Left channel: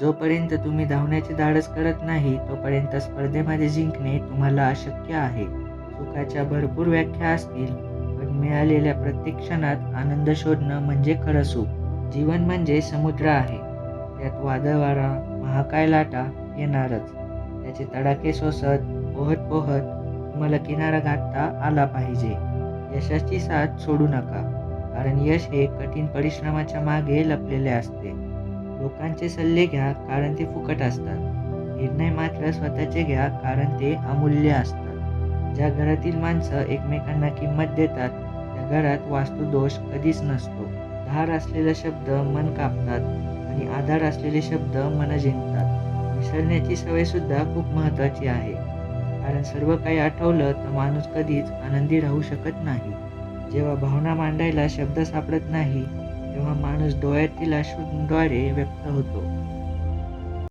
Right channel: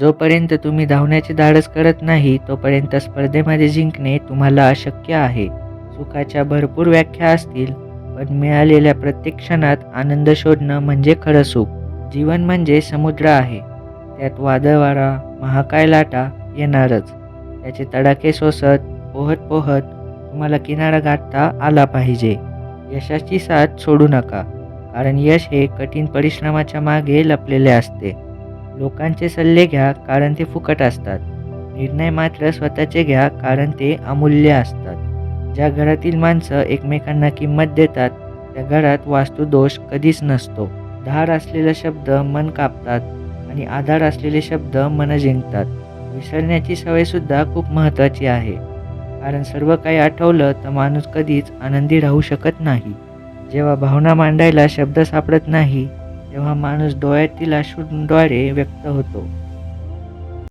जोपर्यंत तुम्ही धावण्याचे धाडस करत नाही तोपर्यंत स्पर्धेमध्ये जिंकणे तुम्हाला अशक्य आहे. सुखाच्या भरपूर व्याख्या असतील पण मिळालेल्या प्रत्येक क्षणात आनंद शोधणं म्हणजे खरं सुख. जीवन म्हणजे समुद्र आहे. त्यात वादळवारा महाकाय लाटा येणारच. त्याचे तडाखे सोसत पोहत पोहत तुम्हाला किनारा गाठता आला पाहिजे. यशाची साथ सोडू नका कारण यश हे कठीण परिश्रमाच्या मागे लपलेले असते. लोकांचे सल्ले घ्या कारण ते फुकट असतात. निर्णय मात्र स्वतःचे घ्या कारण ते अमूल्य असतात. ज्या घरातील माणसं एकमेकांना किंमत देतात त्या घरात वास्तुदोष कधीच नसतो. धार असलेला शब्द मन कापतात आणि आधार असलेले शब्द मन जिंकतात. विसरण्याची सवयसुद्धा खूप महत्त्वाची आहे. कारण सर्व काही आठवलं तर माणूस कधीच आनंदी राहू शकत नाही. जेव्हा भावना मांडायला शब्द सापडत नाही तेव्हा माणूस डोळ्यातील अश्रूंद्वारे व्यक्त होतो.